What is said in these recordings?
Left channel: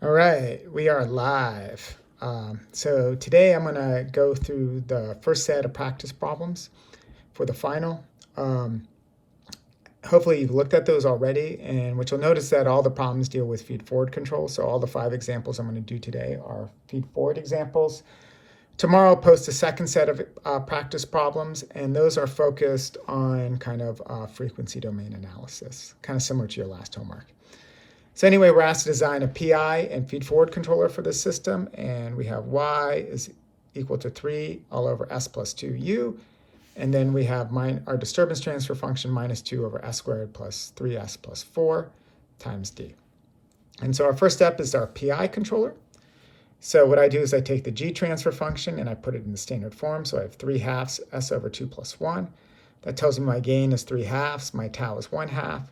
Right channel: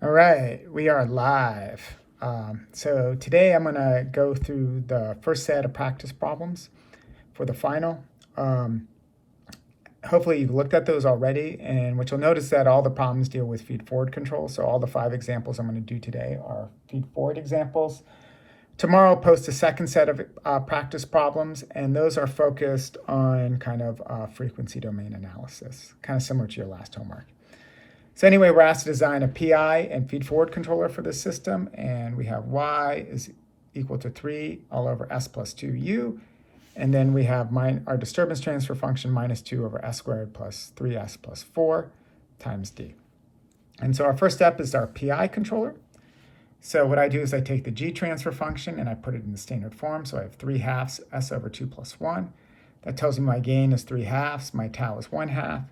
All right, we are live. So today I'm going to go through the first set of practice problems for the final. Um, Hopefully you've looked at those already, and what you'll notice that all the problems deal with feed-forward control. So all the 5 examples I'm going to do today are feed-forward examples. Tomorrow I'll post a second set of practice problems, and those are focused on kind of frequency domain analysis, kind of similar to your last homework. So anyway, we're asked to design a PI and feed-forward controller for this system, and we have y is equal to 3 all over s plus 2u, and then we have our disturbance transfer function minus 2 over s squared plus 3s plus 4 times d. And so our first step is our PI controller. So what I do is I take the g transfer function and I put it in the standard form. So I have 3 halves s over 2 plus 1. That tells me my gain is 3 halves, my tau is 1 half.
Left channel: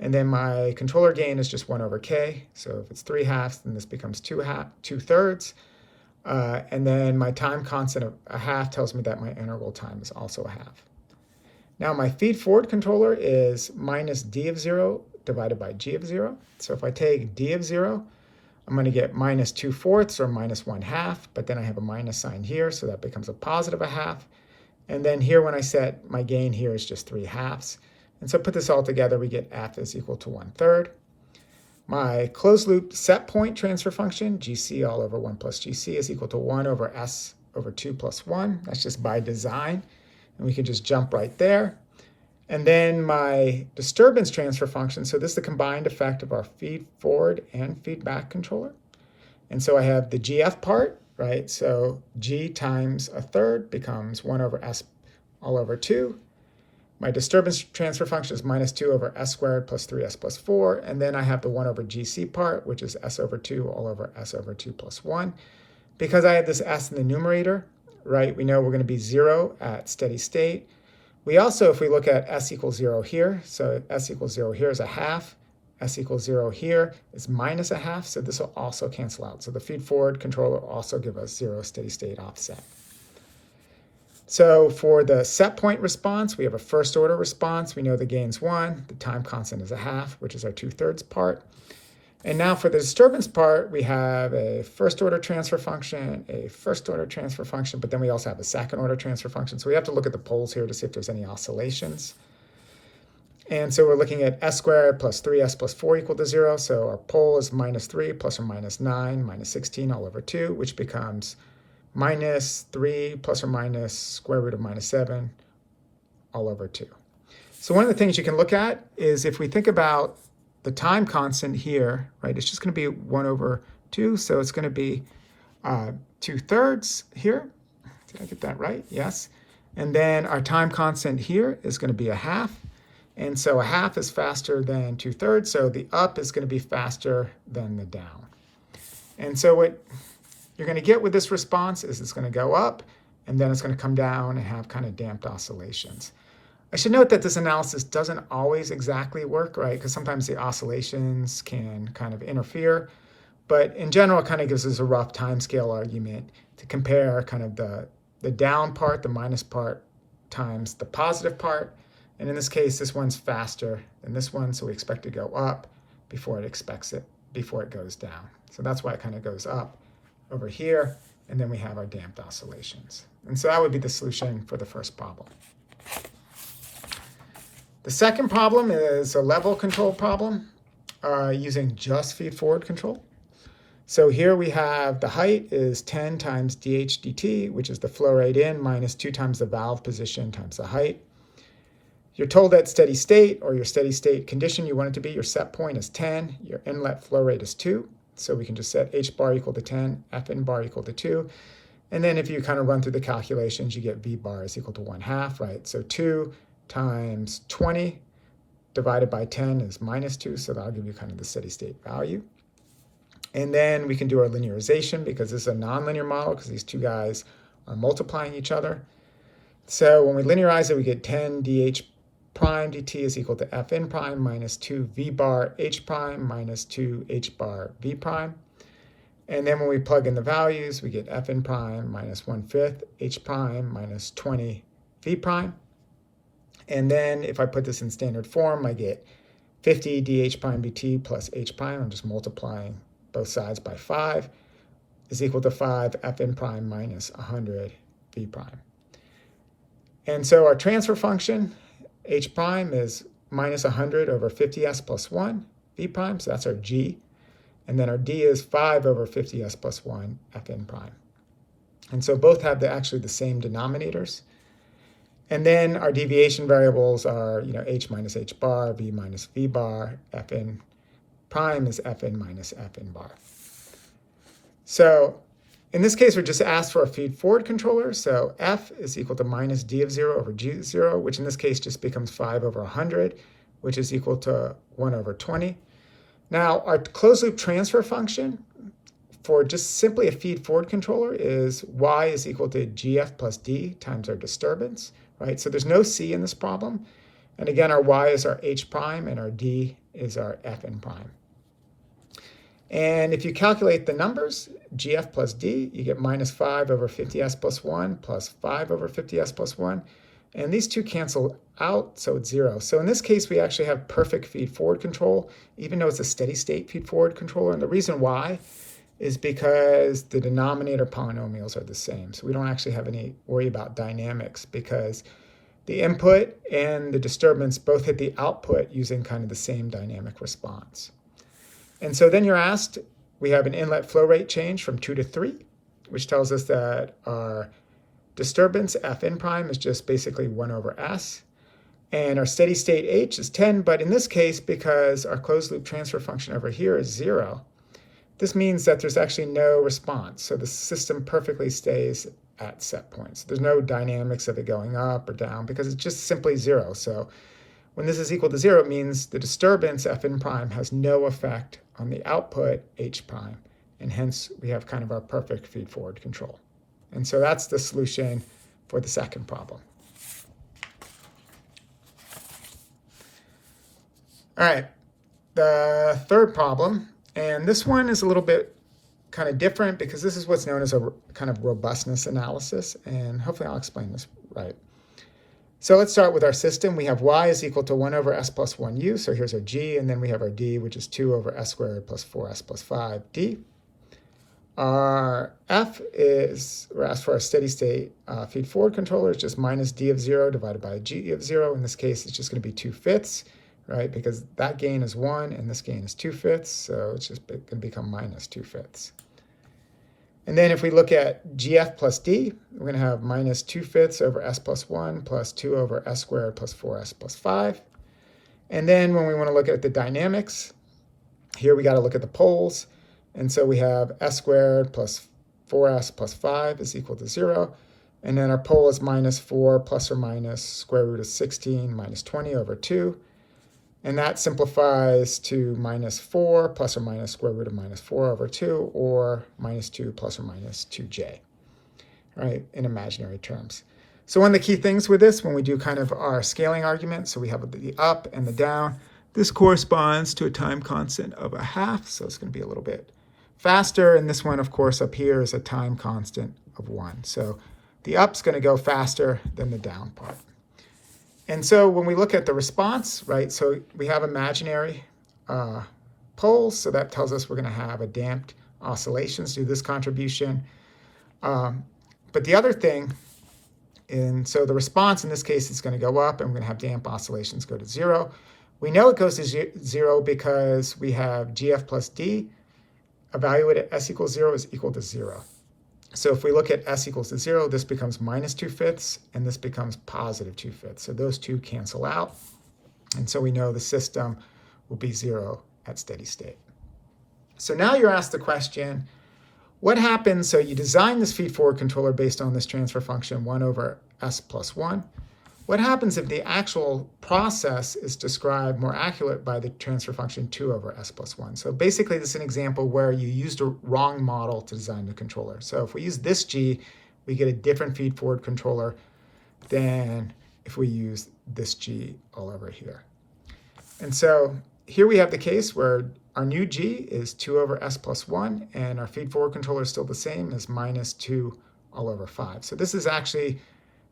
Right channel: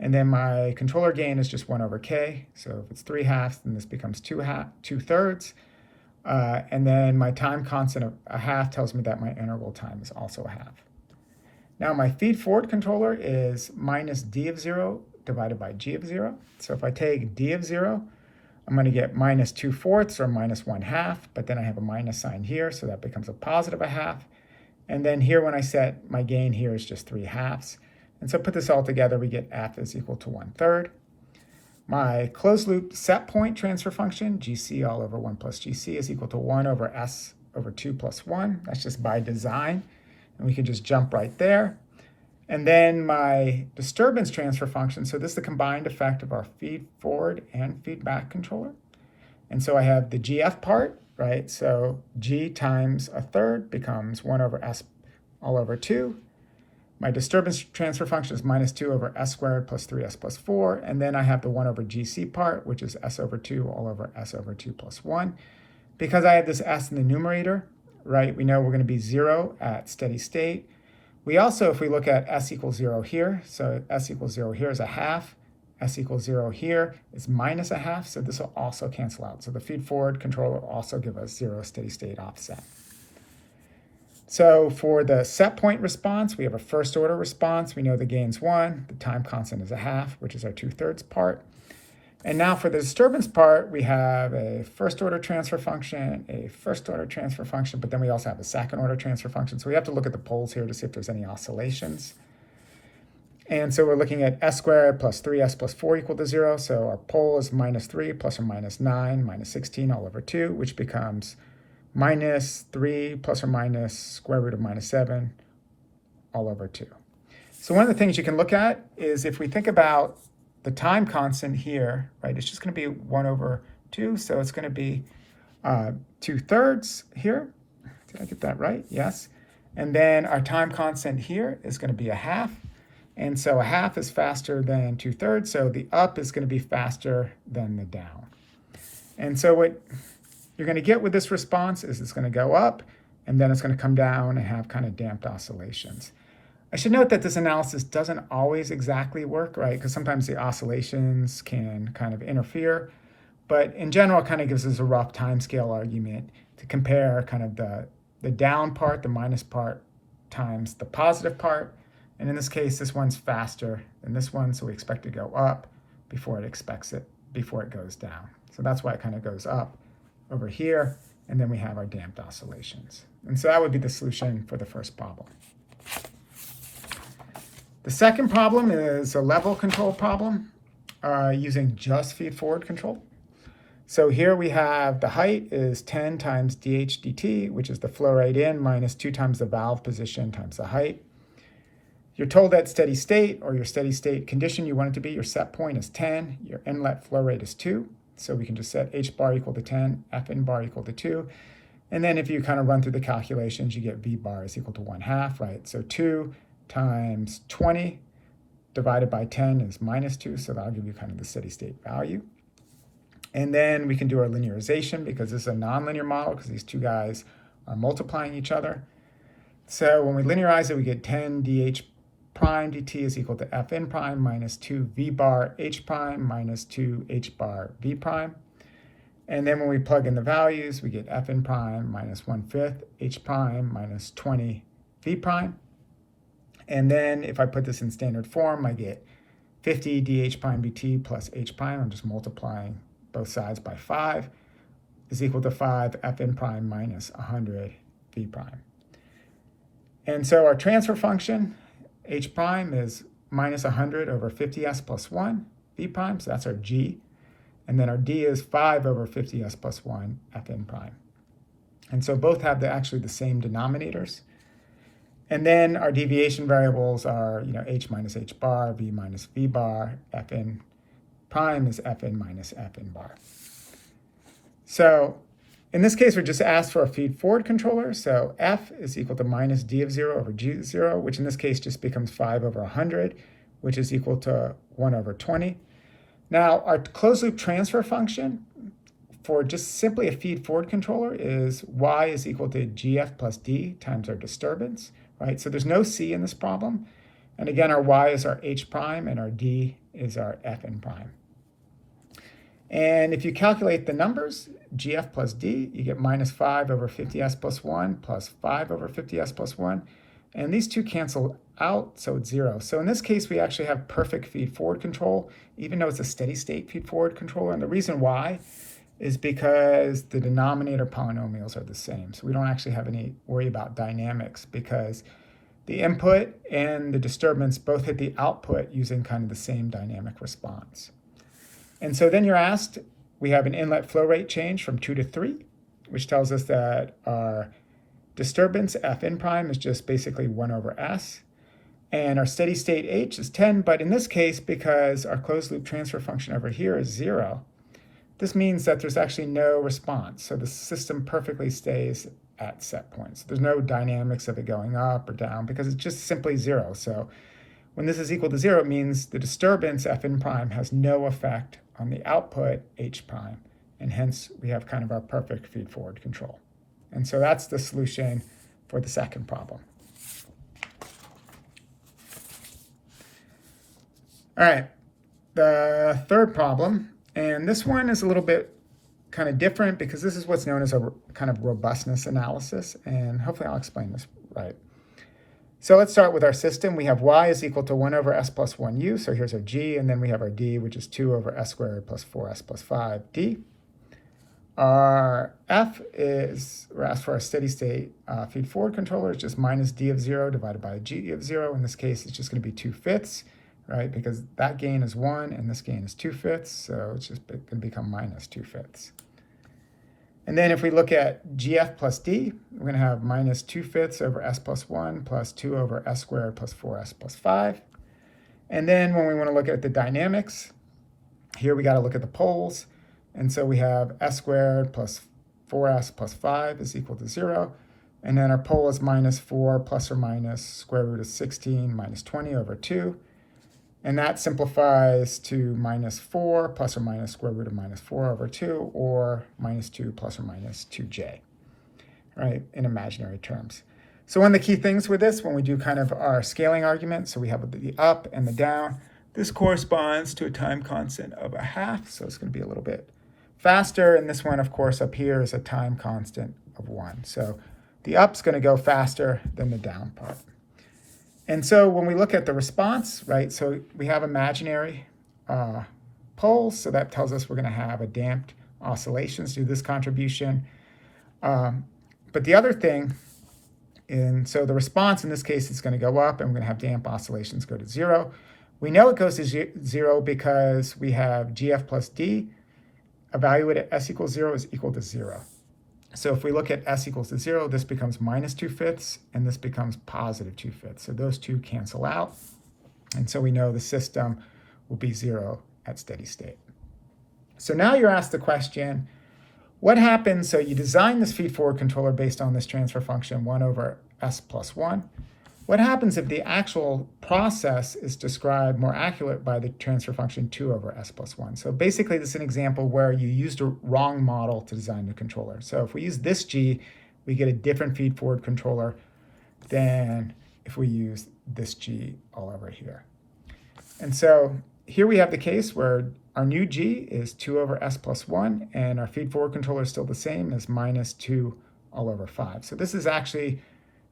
And then my controller gain is just 1 over k. So if it's 3 halves, then this becomes 2 thirds. And then my time constant of a half tells me that my integral time is also a half. Now my feed-forward controller is minus d of 0 divided by g of 0. So if I take d of 0, I'm going to get minus 2/4 or minus 1 half, but then I have a minus sign here, so that becomes a positive a half. And then here when I set my gain here is just 3 halves. And so put this all together, we get f is equal to 1/3. My closed loop set point transfer function, gc all over 1 plus gc, is equal to 1 over s over 2 plus 1. That's just by design. And we can just jump right there. And then my disturbance transfer function, so this is the combined effect of our feed forward and feedback controller. And so I have the gf part, right? So g times 1/3 becomes 1 over s all over 2. My disturbance transfer function is minus 2 over s squared plus 3s plus 4. And then I have the 1 over gc part, which is s over 2 all over s over 2 plus 1. Because I have this s in the numerator, right, we know we're going to be 0 at steady state. We also, if we look at s equals 0 here, so s equals 0 here is a half. S equals 0 here is minus a half, so this will also cancel out. So the feed-forward controller will also give us 0 steady state offset. So for the set point response, we have a first order response. We know the gain's 1, the time constant is a half, which is our 2/3 part. And now for the disturbance part, we have a first order transfer function, a first order transfer function, but then we also have a second order transfer function. So we have to look at the poles here to see if there's any oscillations. And so we're looking at s squared plus 3s plus 4 equal to 0. So our pole is minus 3 plus or minus 9 minus 16 all over 2, which becomes minus 3 plus or minus square root of minus 7 all over 2. So one of the things you can look at is if we think about the time constant here, right, it's just going to be 1 over 2. So it's going to be 2/3 here. Did I get that right? Yes. And then our time constant here is going to be a half. And so a half is faster than 2/3. So the up is going to be faster than the down. And so what you're going to get with this response is it's going to go up, and then it's going to come down and have kind of damped oscillations. I should note that this analysis doesn't always exactly work, right? Because sometimes the oscillations can kind of interfere. But in general, it kind of gives us a rough timescale argument to compare kind of the down part, the minus part, times the positive part. And in this case, this one's faster than this one, so we expect to go up before it goes down. So that's why it kind of goes up over here, and then we have our damped oscillations. And so that would be the solution for the first problem. The second problem is a level control problem using just feed-forward control. So here we have the height is 10 times dh dt, which is the flow rate in, minus 2 times the valve position times the height. You're told that steady state, or your steady state condition you want it to be, your set point is 10, your inlet flow rate is 2. So we can just set h bar equal to 10, f in bar equal to 2. And then if you kind of run through the calculations, you get v bar is equal to 1/2, right? So 2 times 20 divided by 10 is minus 2, so that'll give you kind of the steady state value. And then we can do our linearization because this is a nonlinear model because these two guys are multiplying each other. So when we linearize it, we get 10 dh prime dt is equal to f n prime minus 2 v bar h prime minus 2 h bar v prime. And then when we plug in the values, we get f n prime minus 1/5 h prime minus 20 v prime. And then if I put this in standard form, I get 50 dh prime dt plus h prime. I'm just multiplying both sides by 5, is equal to 5 Fn prime minus 100 V prime. And so our transfer function, h prime, is minus 100 over 50s plus 1 V prime, so that's our g. And then our d is 5 over 50s plus 1 Fn prime. And so both have actually the same denominators. And then our deviation variables are, h minus h bar, v minus v bar, Fn prime is Fn minus Fn bar. So in this case, we're just asked for a feed-forward controller. So f is equal to minus d of 0 over g of 0, which in this case just becomes 5 over 100, which is equal to 1 over 20. Now, our closed-loop transfer function for just simply a feed-forward controller is y is equal to gf plus d times our disturbance, right? So there's no c in this problem. And again, our y is our h prime, and our d is our Fn prime. And if you calculate the numbers, gf plus d, you get minus 5 over 50s plus 1 plus 5 over 50s plus 1. And these two cancel out, so it's 0. So in this case, we actually have perfect feed-forward control, even though it's a steady-state feed-forward controller. And the reason why is because the denominator polynomials are the same. So we don't actually have any worry about dynamics because the input and the disturbance both hit the output using kind of the same dynamic response. And so then you're asked, we have an inlet flow rate change from 2 to 3, which tells us that our disturbance, Fn prime, is just basically 1 over s. And our steady state h is 10, but in this case, because our closed loop transfer function over here is 0, this means that there's actually no response. So the system perfectly stays at set points. There's no dynamics of it going up or down because it's just simply 0. So when this is equal to 0, it means the disturbance, Fn prime, has no effect on the output, h prime, and hence we have kind of our perfect feed-forward control. And so that's the solution for the second problem. All right, the third problem, and this one is a little bit kind of different because this is what's known as a kind of robustness analysis, and hopefully I'll explain this right. So let's start with our system. We have y is equal to 1 over s plus 1u, so here's our g, and then we have our d, which is 2 over s squared plus 4s plus 5d. Our f is, we're asked for a steady state feed-forward controller. It's just minus d of 0 divided by g of 0. In this case, it's just going to be 2/5, right? Because that gain is 1 and this gain is 2/5, so it's just going to become minus 2/5. And then if we look at gf plus d, we're going to have minus 2/5 over s plus 1 plus 2 over s squared plus 4s plus 5. And then when we want to look at the dynamics, here we got to look at the poles. And so we have s squared plus 4s plus 5 is equal to 0. And then our pole is minus 4 plus or minus square root of 16 minus 20 over 2. And that simplifies to minus 4 plus or minus square root of minus 4 over 2, or minus 2 plus or minus 2j, right, in imaginary terms. So one of the key things with this, when we do kind of our scaling argument, so we have the up and the down, this corresponds to a time constant of 1/2, so it's going to be a little bit faster. And this one, of course, up here is a time constant of 1. So the up's going to go faster than the down part. And so when we look at the response, right, so we have imaginary poles, so that tells us we're going to have a damped oscillations through this contribution. But the other thing, and so the response in this case is going to go up, and we're going to have damp oscillations go to 0. We know it goes to 0 because we have gf plus d evaluated at s equals 0 is equal to 0. So if we look at s equals to 0, this becomes minus 2/5, and this becomes positive 2/5. So those two cancel out. And so we know the system will be 0 at steady state. So now you're asked the question, what happens? So you design this feed-forward controller based on this transfer function 1 over s plus 1. What happens if the actual process is described more accurate by the transfer function 2 over s plus 1? So basically, this is an example where you used a wrong model to design the controller. So if we use this g, we get a different feed-forward controller than if we use this g all over here. And so here we have the case where our new g is 2 over s plus 1, and our feed-forward controller is still the same as minus 2 all over 5. So this is actually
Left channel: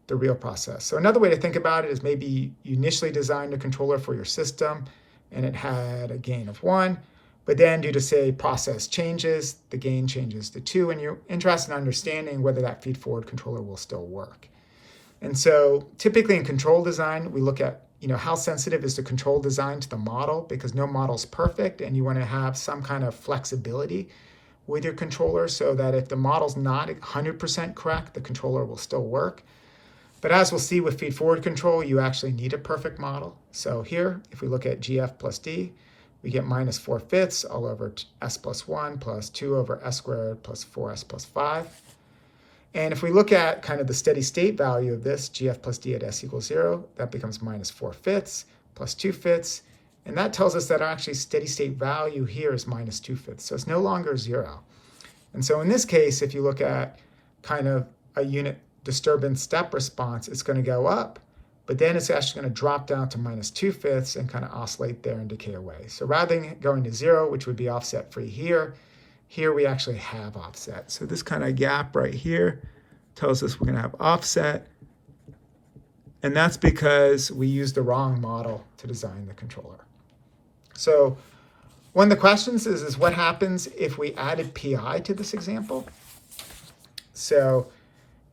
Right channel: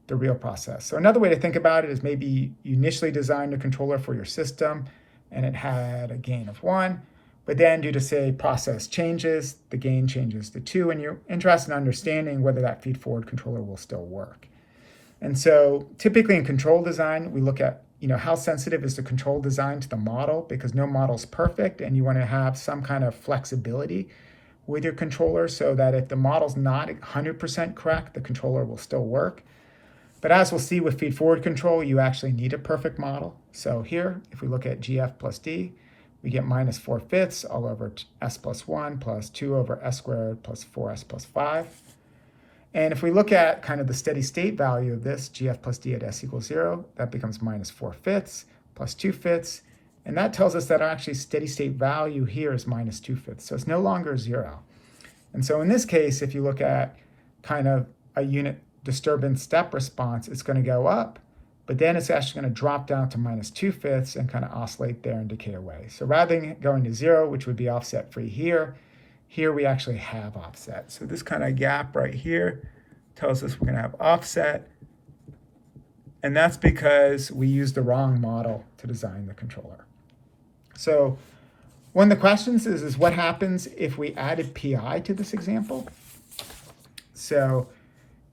the real process. So another way to think about it is maybe you initially designed a controller for your system and it had a gain of 1, But then due to, say, process changes, the gain changes to 2, and you're interested in understanding whether that feed-forward controller will still work. And so typically in control design, we look at how sensitive is the control design to the model, because no model is perfect, and you want to have some kind of flexibility with your controller so that if the model's not 100% correct, the controller will still work. But as we'll see with feed-forward control, you actually need a perfect model. So here, if we look at GF plus D, we get minus 4/5 all over S plus 1 plus 2 over S squared plus 4S plus 5. And if we look at kind of the steady state value of this, GF plus D at S equals 0, that becomes minus 4/5 plus 2/5. And that tells us that our actually steady state value here is minus 2/5. So it's no longer 0. And so in this case, if you look at kind of a unit disturbance step response, it's going to go up, but then it's actually going to drop down to minus 2/5 and kind of oscillate there and decay away. So rather than going to 0, which would be offset free here we actually have offset. So this kind of gap right here tells us we're going to have offset. And that's because we used the wrong model to design the controller. So one of the questions is what happens if we added PI to this example? So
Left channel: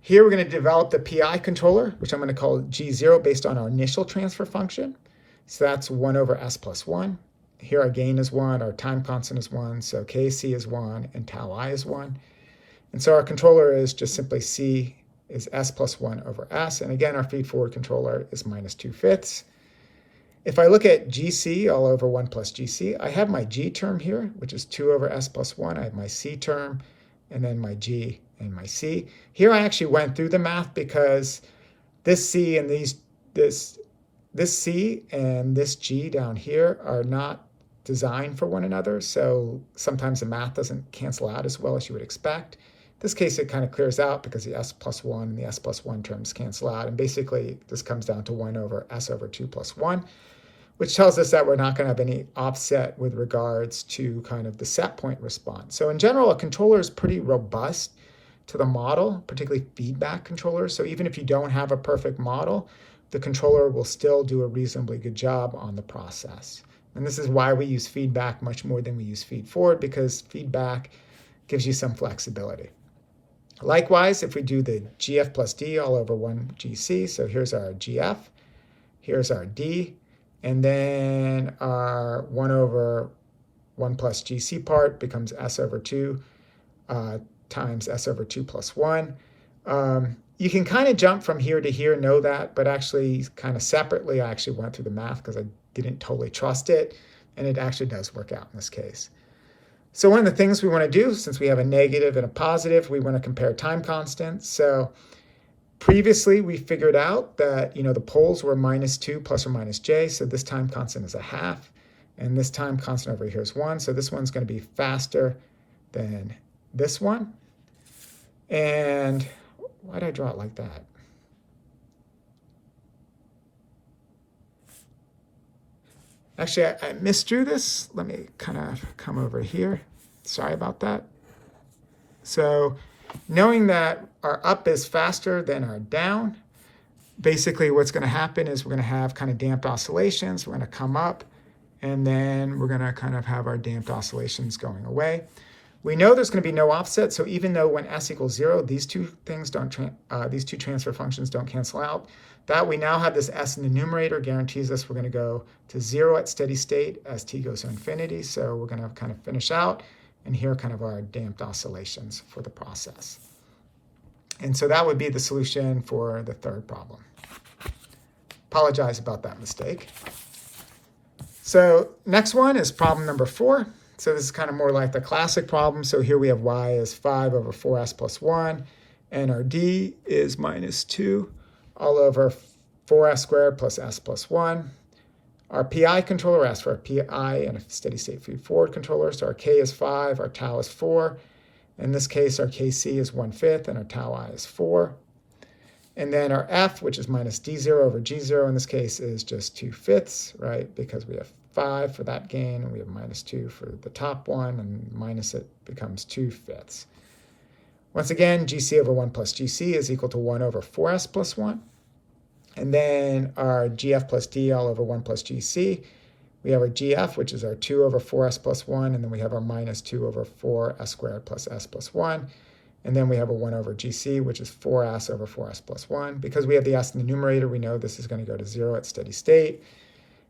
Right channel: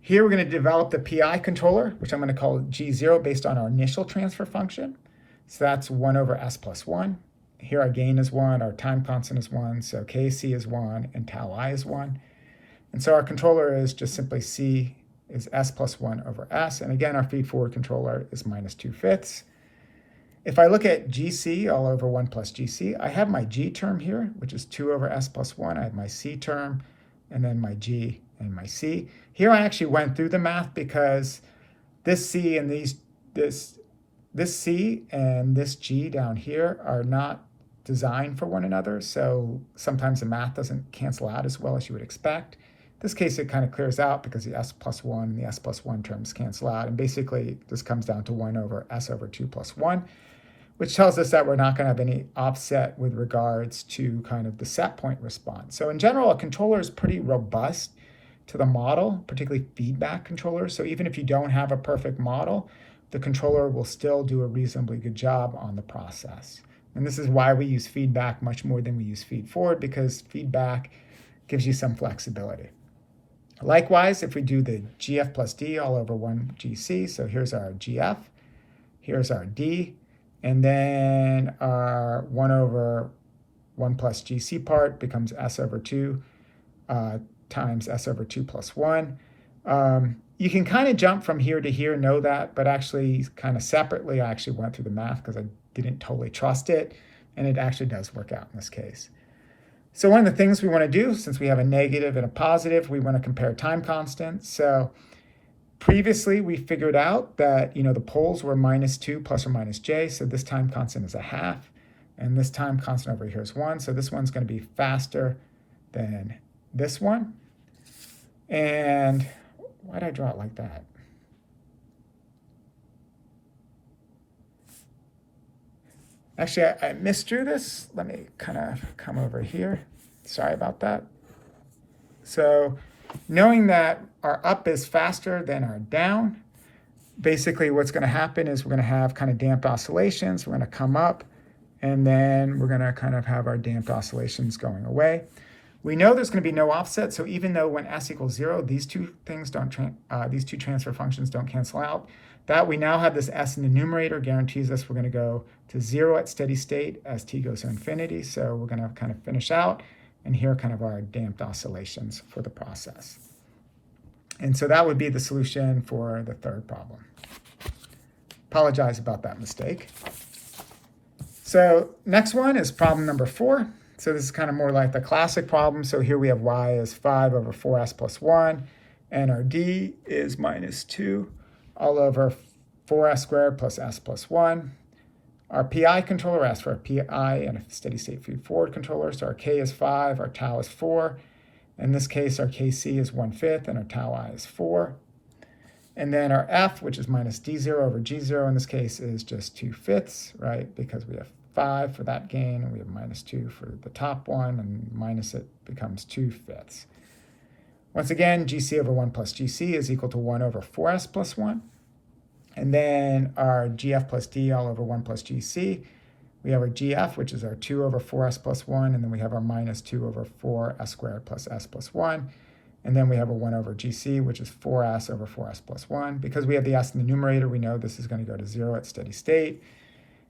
here we're going to develop the PI controller, which I'm going to call G0 based on our initial transfer function. So that's 1 over S plus 1. Here our gain is 1, our time constant is 1, so Kc is 1, and tau I is 1. And so our controller is just simply C is S plus 1 over S. And again, our feed-forward controller is minus 2/5. If I look at GC all over 1 plus GC, I have my G term here, which is 2 over S plus 1. I have my C term, and then my G and my C. Here I actually went through the math because this C and this C and this G down here are not designed for one another, so sometimes the math doesn't cancel out as well as you would expect. In this case, it kind of clears out because the S plus 1 and the S plus 1 terms cancel out, and basically this comes down to 1 over S over 2 plus 1, which tells us that we're not going to have any offset with regards to kind of the set point response. So in general, a controller is pretty robust to the model, particularly feedback controllers. So even if you don't have a perfect model, the controller will still do a reasonably good job on the process. And this is why we use feedback much more than we use feed forward, because feedback gives you some flexibility. Likewise, if we do the GF plus D all over 1 GC, so here's our GF, here's our D, and then our 1 over 1 plus GC part becomes S over 2 times S over 2 plus 1. You can kind of jump from here to here, know that, but actually kind of separately, I actually went through the math because I didn't totally trust it, and it actually does work out in this case. So one of the things we want to do, since we have a negative and a positive, we want to compare time constants. So previously we figured out that, the poles were minus 2 plus or minus j, so this time constant is a half, and this time constant over here is 1, so this one's going to be faster than this one. And why did I draw it like that? Actually, I misdrew this. Let me kind of come over here. Sorry about that. So knowing that our up is faster than our down, basically what's going to happen is we're going to have kind of damped oscillations. We're going to come up, and then we're going to kind of have our damped oscillations going away. We know there's going to be no offset, so even though when s equals 0, these two transfer functions don't cancel out, that we now have this s in the numerator guarantees us we're going to go to 0 at steady state as t goes to infinity. So we're going to kind of finish out, and here are kind of our damped oscillations for the process. And so that would be the solution for the third problem. Apologize about that mistake. So next one is problem number 4. So this is kind of more like the classic problem. So here we have y is 5 over 4s plus 1, and our d is minus 2 all over 4s squared plus s plus 1. Our PI controller asks for a PI and a steady state feed forward controller. So our k is 5, our tau is 4. In this case, our kc is 1/5, and our tau I is 4. And then our f, which is minus d0 over g0 in this case, is just 2/5, right? Because we have 5 for that gain, and we have minus 2 for the top one, and minus it becomes 2/5. Once again, GC over 1 plus GC is equal to 1 over 4s plus 1. And then our GF plus D all over 1 plus GC We have our GF, which is our 2 over 4s plus 1, and then we have our minus 2 over 4s squared plus s plus 1. And then we have a 1 over GC, which is 4s over 4s plus 1. Because we have the s in the numerator, we know this is going to go to 0 at steady state.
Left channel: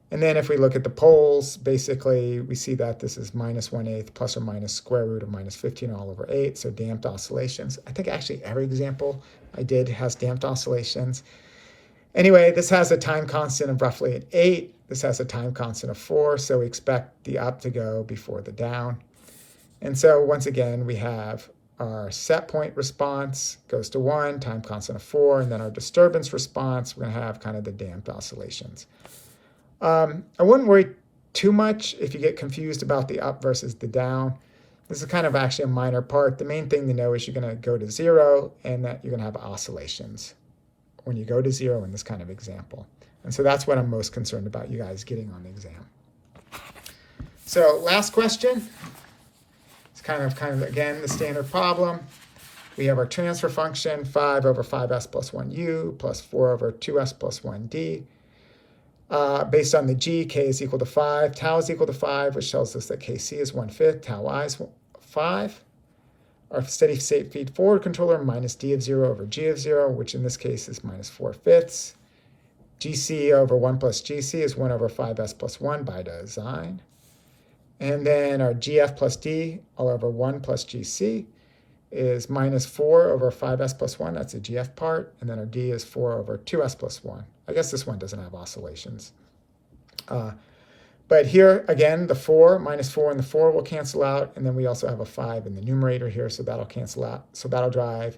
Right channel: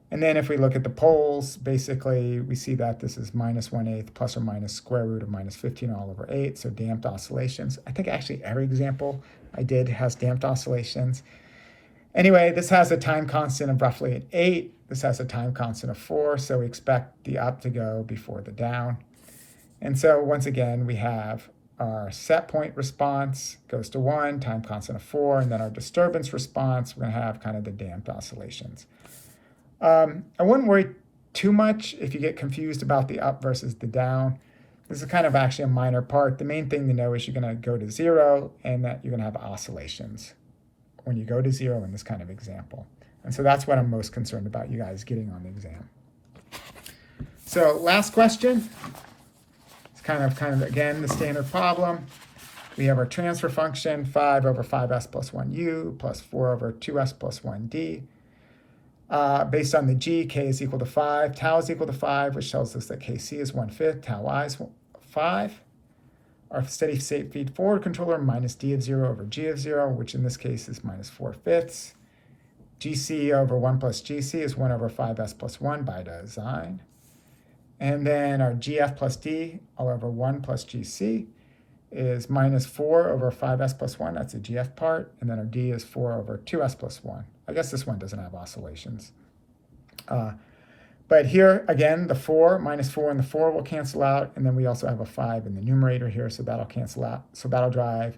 And then if we look at the poles, basically we see that this is minus 1/8 plus or minus square root of minus 15 all over 8, so damped oscillations. I think actually every example I did has damped oscillations. Anyway, this has a time constant of roughly an 8. This has a time constant of 4, so we expect the up to go before the down. And so once again, we have our set point response goes to 1, time constant of 4, and then our disturbance response, we're going to have kind of the damped oscillations. I wouldn't worry too much if you get confused about the up versus the down. This is kind of actually a minor part. The main thing to know is you're going to go to 0 and that you're going to have oscillations when you go to 0 in this kind of example. And so that's what I'm most concerned about you guys getting on the exam. So last question. It's kind of again, the standard problem. We have our transfer function, 5 over 5s plus 1u plus 4 over 2s plus 1d. Based on the g, k is equal to 5, tau is equal to 5, which tells us that kc is 1/5, tau I is 5. Our steady state feed forward controller, minus d of 0 over g of 0, which in this case is minus 4/5. gc over 1 plus gc is 1 over 5s plus 1 by design. And then our gf plus d all over 1 plus gc is minus 4 over 5s plus 1. That's the gf part. And then our d is 4 over 2s plus 1. I guess this one doesn't have oscillations. But here, again, the 4, minus 4 and the 4 will cancel out. And then we also have a 5 in the numerator here, so that'll cancel out. So that'll drive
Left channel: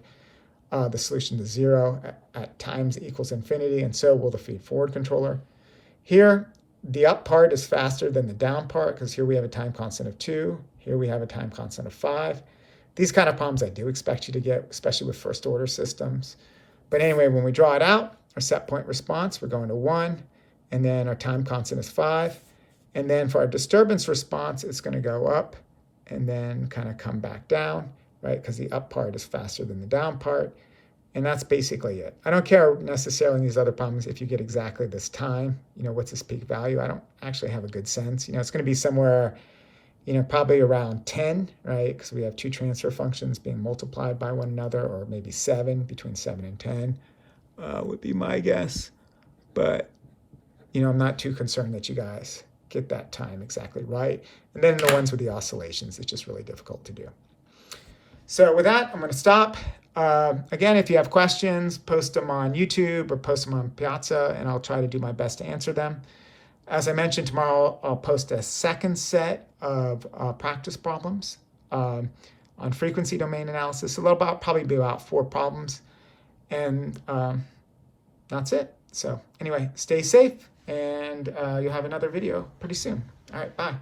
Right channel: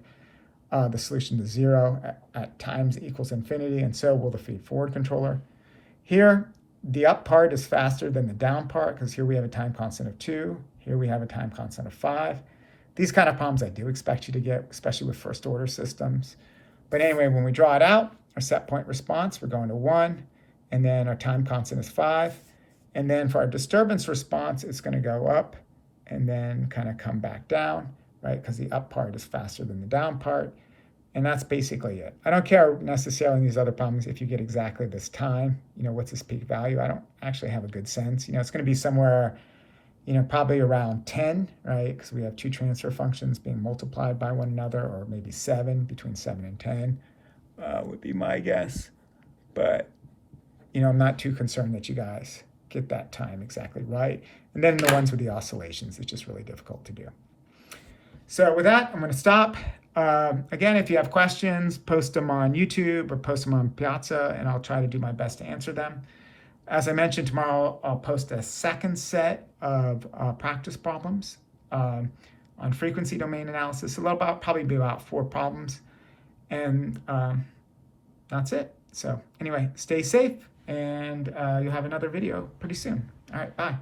the solution to 0 at times equals infinity, and so will the feed forward controller. Here, the up part is faster than the down part, because here we have a time constant of 2. Here we have a time constant of 5. These kind of problems I do expect you to get, especially with first order systems. But anyway, when we draw it out, our set point response, we're going to 1, and then our time constant is 5. And then for our disturbance response, it's going to go up and then kind of come back down, right? Because the up part is faster than the down part. And that's basically it. I don't care necessarily in these other problems if you get exactly this time, what's this peak value? I don't actually have a good sense. It's going to be somewhere, probably around 10, right? Because we have two transfer functions being multiplied by one another, or maybe 7, between 7 and 10 would be my guess. But, I'm not too concerned that you guys get that time exactly right. And then the ones with the oscillations, it's just really difficult to do. So with that, I'm going to stop. Again, if you have questions, post them on YouTube or post them on Piazza, and I'll try to do my best to answer them. As I mentioned, tomorrow I'll post a second set of practice problems on frequency domain analysis. So it'll probably be about 4 problems. And that's it. So anyway, stay safe, and you'll have another video pretty soon. All right, bye.